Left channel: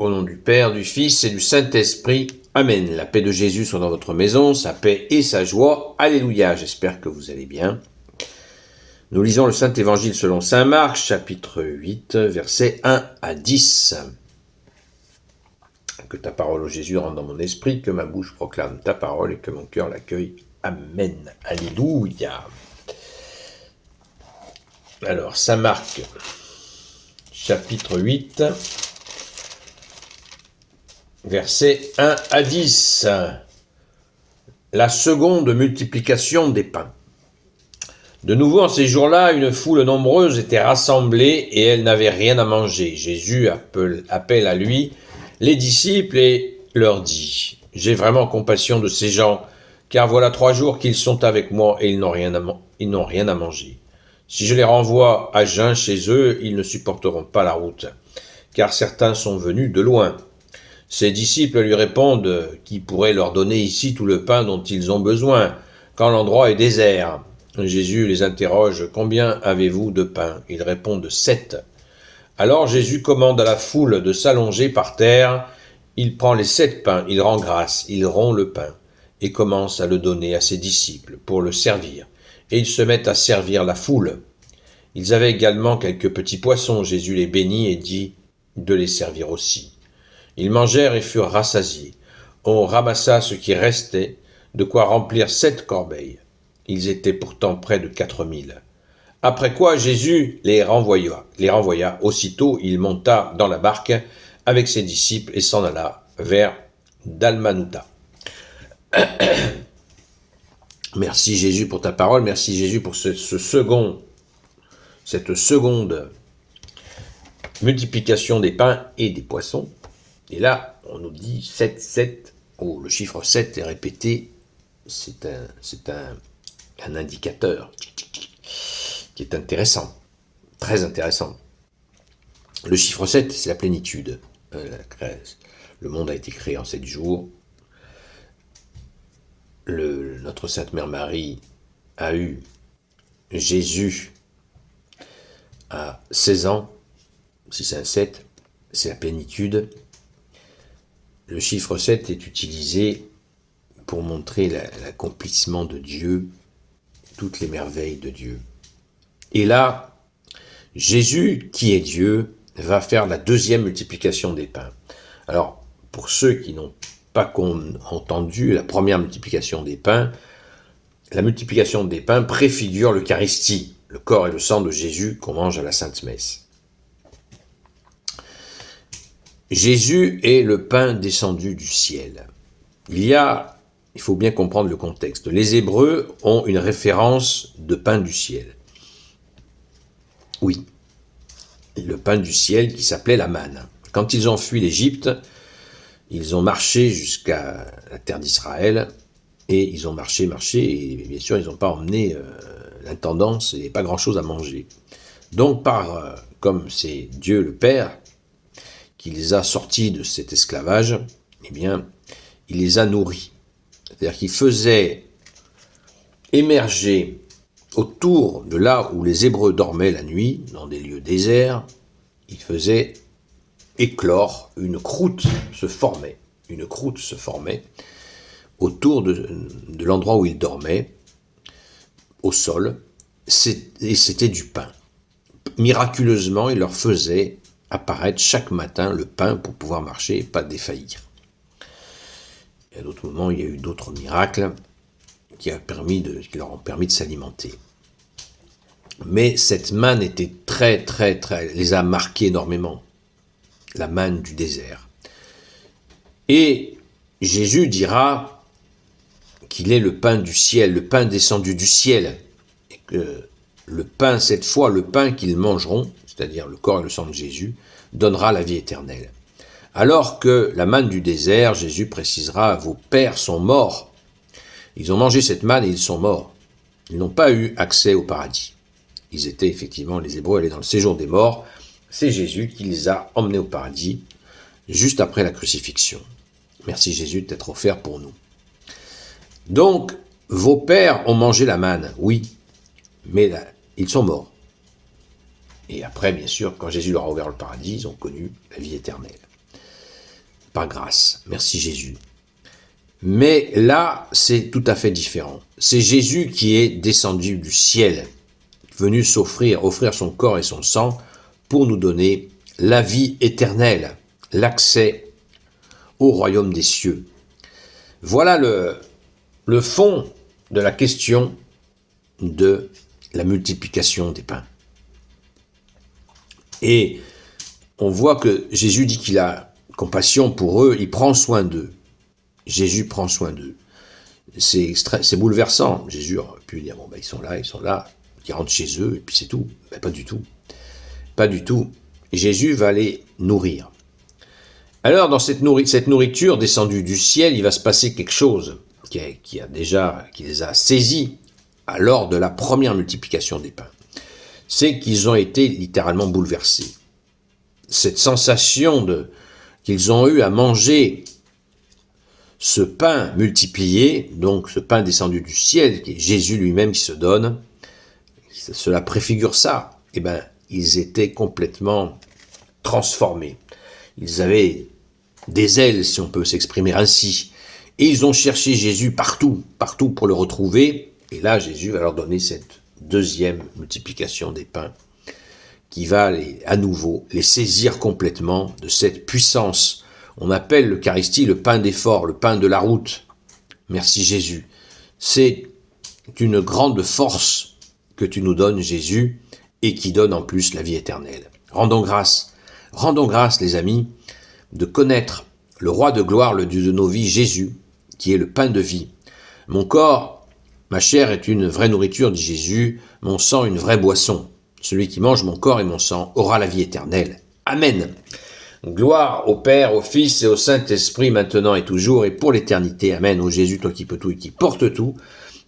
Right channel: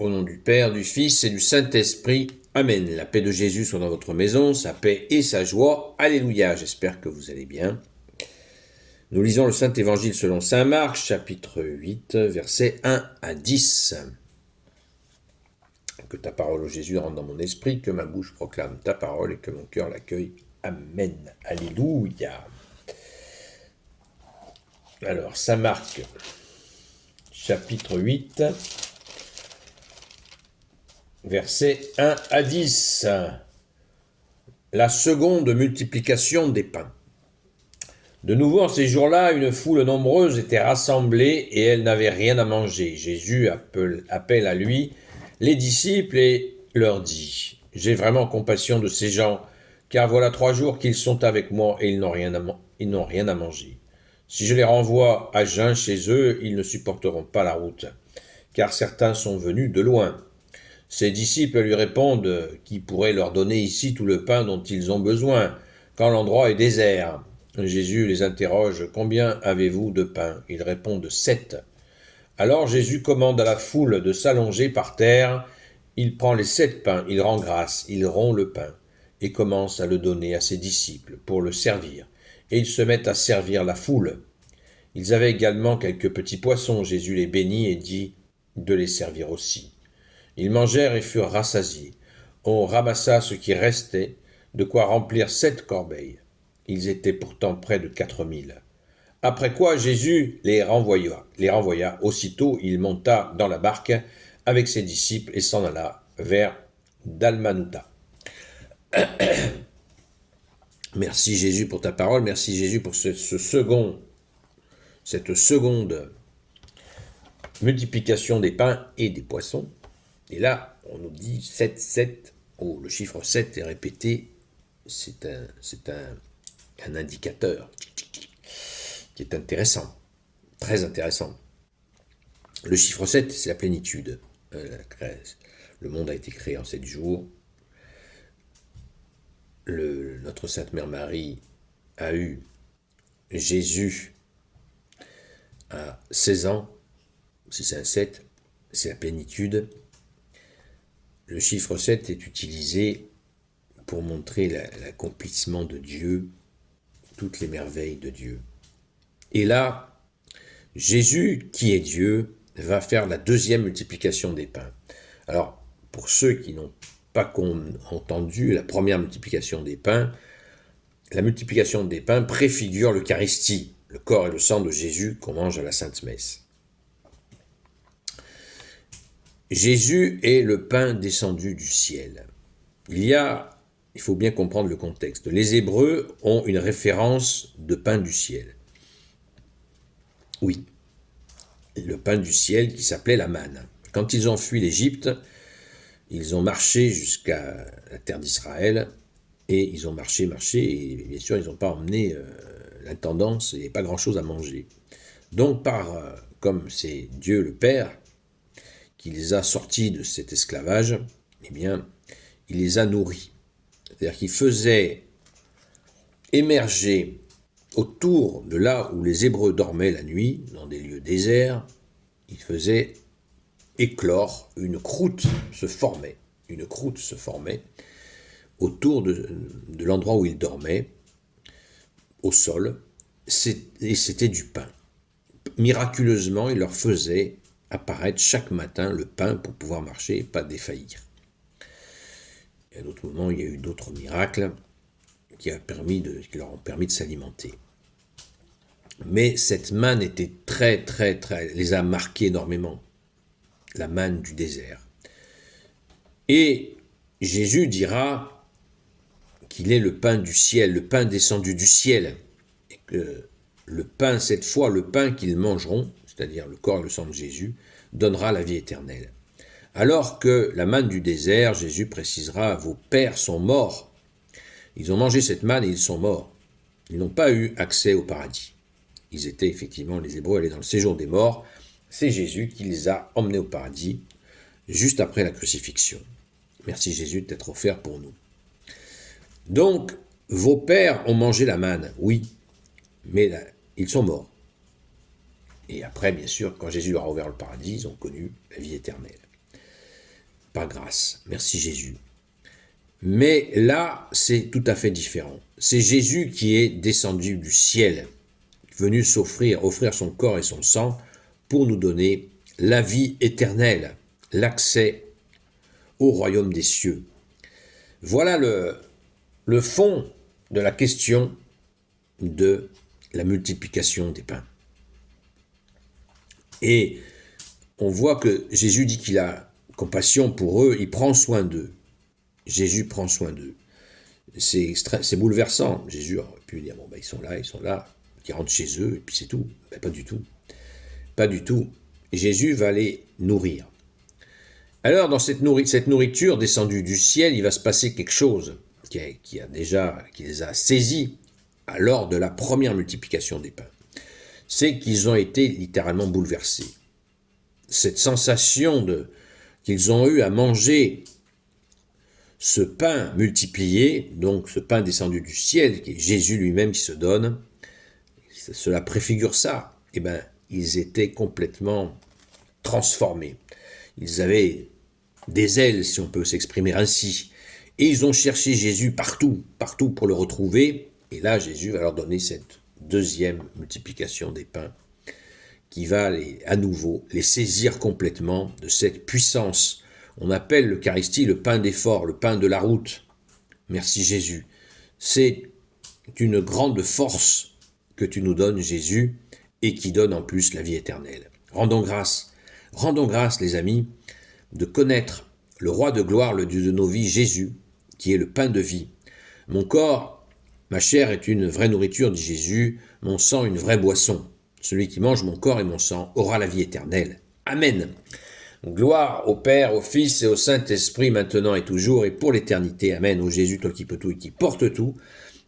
Au nom du Père, du Fils et du Saint-Esprit. Amen. La paix de Jésus soit dans votre maison, sa paix et sa joie. Alléluia. J'espère que vous allez bien. Nous lisons le Saint-Évangile selon saint Marc, chapitre 8, versets 1 à 10. Que ta parole, ô Jésus, rentre dans mon esprit, que ma bouche proclame ta parole et que mon cœur l'accueille. Amen. Alléluia. Alors, saint Marc, chapitre 8, versets 1 à 10. La seconde multiplication des pains. De nouveau, en ces jours-là, une foule nombreuse était rassemblée et elle n'avait rien à manger. Jésus appelle à lui les disciples et leur dit « J'ai vraiment compassion de ces gens, car voilà 3 jours qu'ils sont avec moi et ils n'ont rien à manger. Si je les renvoie à jeun chez eux, ils ne supporteront pas la route, car certains sont venus de loin. » Ses disciples lui répondent « Qui pourrait leur donner ici tout le pain dont ils ont besoin, quand l'endroit est désert ?» Jésus les interroge « Combien avez-vous de pain ?» Ils répondent « 7. » Alors Jésus commande à la foule de s'allonger par terre. Il prend les 7 pains, il rend grâce, il rompt le pain et commence à le donner à ses disciples pour le servir. Et ils se mettent à servir la foule. Ils avaient également quelques petits poissons. Jésus les bénit et dit de les servir aussi. Ils mangèrent et furent rassasiés. On ramassa ce qui restait, de quoi remplir 7 corbeilles. Ils étaient pourtant près de 4000. Après quoi Jésus les renvoya. Aussitôt, il monta dans la barque avec ses disciples et s'en alla vers Dalmanutha. Merci Jésus pour ta parole, merci Jésus pour cette seconde multiplication des pains et des poissons. Et là, on nous dit 7, 7. Oh, le chiffre 7 est répété. C'est un indicateur qui est intéressant, très intéressant. Le chiffre 7, c'est la plénitude. Le monde a été créé en 7 jours. Notre Sainte Mère Marie a eu Jésus à 16 ans. Si c'est un 7, c'est la plénitude. Le chiffre 7 est utilisé pour montrer l'accomplissement de Dieu, toutes les merveilles de Dieu. Et là, Jésus, qui est Dieu, va faire la deuxième multiplication des pains. Alors, pour ceux qui n'ont pas entendu la première multiplication des pains, la multiplication des pains préfigure l'Eucharistie, le corps et le sang de Jésus qu'on mange à la Sainte Messe. Jésus est le pain descendu du ciel. Il faut bien comprendre le contexte. Les Hébreux ont une référence de pain du ciel. Oui, le pain du ciel qui s'appelait la manne. Quand ils ont fui l'Égypte, ils ont marché jusqu'à la terre d'Israël et ils ont marché et bien sûr ils n'ont pas emmené l'intendance et pas grand-chose à manger. Donc comme c'est Dieu le Père qui les a sortis de cet esclavage, eh bien, il les a nourris. C'est-à-dire qu'il faisait émerger autour de là où les Hébreux dormaient la nuit, dans des lieux déserts, il faisait éclore, une croûte se formait autour de l'endroit où ils dormaient, au sol, et c'était du pain. Miraculeusement, il leur faisait apparaître chaque matin le pain pour pouvoir marcher et pas défaillir. Et à d'autres moments, il y a eu d'autres miracles qui leur ont permis de s'alimenter. Mais cette manne était très, les a marqués énormément. La manne du désert. Et Jésus dira qu'il est le pain du ciel, le pain descendu du ciel. Et que le pain, cette fois, le pain qu'ils mangeront, c'est-à-dire le corps et le sang de Jésus, donnera la vie éternelle. Alors que la manne du désert, Jésus précisera, vos pères sont morts. Ils ont mangé cette manne et ils sont morts. Ils n'ont pas eu accès au paradis. Ils étaient effectivement, les Hébreux allaient dans le séjour des morts. C'est Jésus qui les a emmenés au paradis, juste après la crucifixion. Merci Jésus d'être offert pour nous. Donc, vos pères ont mangé la manne, oui, mais là, ils sont morts. Et après, bien sûr, quand Jésus leur a ouvert le paradis, ils ont connu la vie éternelle. par grâce. Merci Jésus. Mais là, c'est tout à fait différent. C'est Jésus qui est descendu du ciel, venu offrir son corps et son sang pour nous donner la vie éternelle, l'accès au royaume des cieux. Voilà le fond de la question de la multiplication des pains. Et on voit que Jésus dit qu'il a compassion pour eux, il prend soin d'eux. Jésus prend soin d'eux. C'est bouleversant. Jésus aurait pu dire, bon, ben, ils sont là, ils rentrent chez eux, et puis c'est tout. Ben, pas du tout. Pas du tout. Jésus va les nourrir. Alors, dans cette nourriture descendue du ciel, il va se passer quelque chose qui les a saisis lors de la première multiplication des pains. C'est qu'ils ont été littéralement bouleversés. Cette sensation qu'ils ont eu à manger ce pain multiplié, donc ce pain descendu du ciel, qui est Jésus lui-même qui se donne, cela préfigure ça. Eh bien, ils étaient complètement transformés. Ils avaient des ailes, si on peut s'exprimer ainsi. Et ils ont cherché Jésus partout pour le retrouver. Et là, Jésus va leur donner cette deuxième multiplication des pains qui va à nouveau les saisir complètement de cette puissance. On appelle l'Eucharistie le pain d'effort, le pain de la route. Merci Jésus. C'est une grande force que tu nous donnes, Jésus, et qui donne en plus la vie éternelle. Rendons grâce les amis, de connaître le roi de gloire, le Dieu de nos vies, Jésus, qui est le pain de vie. Mon corps, ma chair est une vraie nourriture, dit Jésus, mon sang une vraie boisson. Celui qui mange mon corps et mon sang aura la vie éternelle. Amen. Gloire au Père, au Fils et au Saint-Esprit, maintenant et toujours, et pour l'éternité. Amen. Ô Jésus, toi qui peux tout et qui portes tout,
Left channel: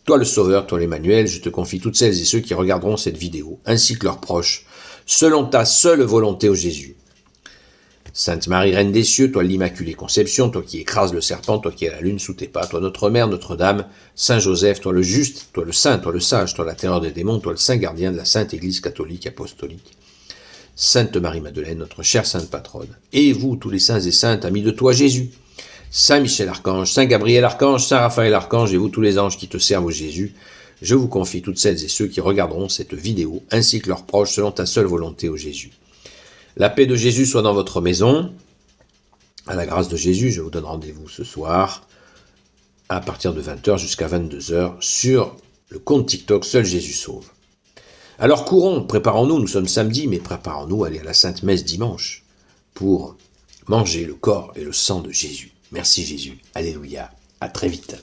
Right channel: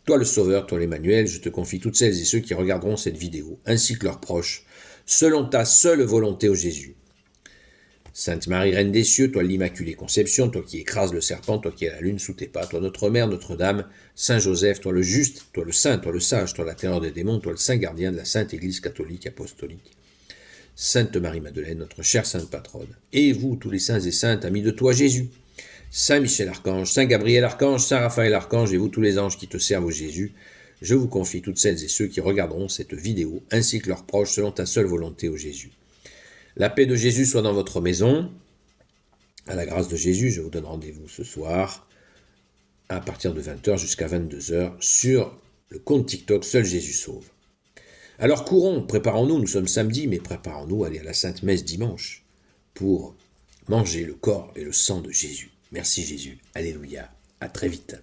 toi le Sauveur, toi l'Emmanuel, je te confie toutes celles et ceux qui regarderont cette vidéo, ainsi que leurs proches, selon ta seule volonté, ô Jésus. Sainte Marie, Reine des cieux, toi l'Immaculée Conception, toi qui écrases le serpent, toi qui as la lune sous tes pas, toi notre Mère, Notre-Dame, Saint Joseph, toi le juste, toi le saint, toi le sage, toi la terreur des démons, toi le saint gardien de la Sainte Église catholique apostolique. Sainte Marie-Madeleine, notre chère Sainte Patronne, et vous, tous les saints et saintes, amis de toi, Jésus, Saint Michel Archange, Saint Gabriel Archange, Saint Raphaël Archange, et vous, tous les anges qui te servent, ô Jésus, je vous confie toutes celles et ceux qui regarderont cette vidéo, ainsi que leurs proches, selon ta seule volonté, ô Jésus. La paix de Jésus soit dans votre maison. À la grâce de Jésus, je vous donne rendez-vous ce soir, à partir de 20h jusqu'à 22h, sur le compte TikTok Seul Jésus Sauve. Alors courons, préparons-nous, nous sommes samedi, mais préparons-nous à aller à la Sainte Messe dimanche pour manger le corps et le sang de Jésus. Merci Jésus, alléluia, à très vite.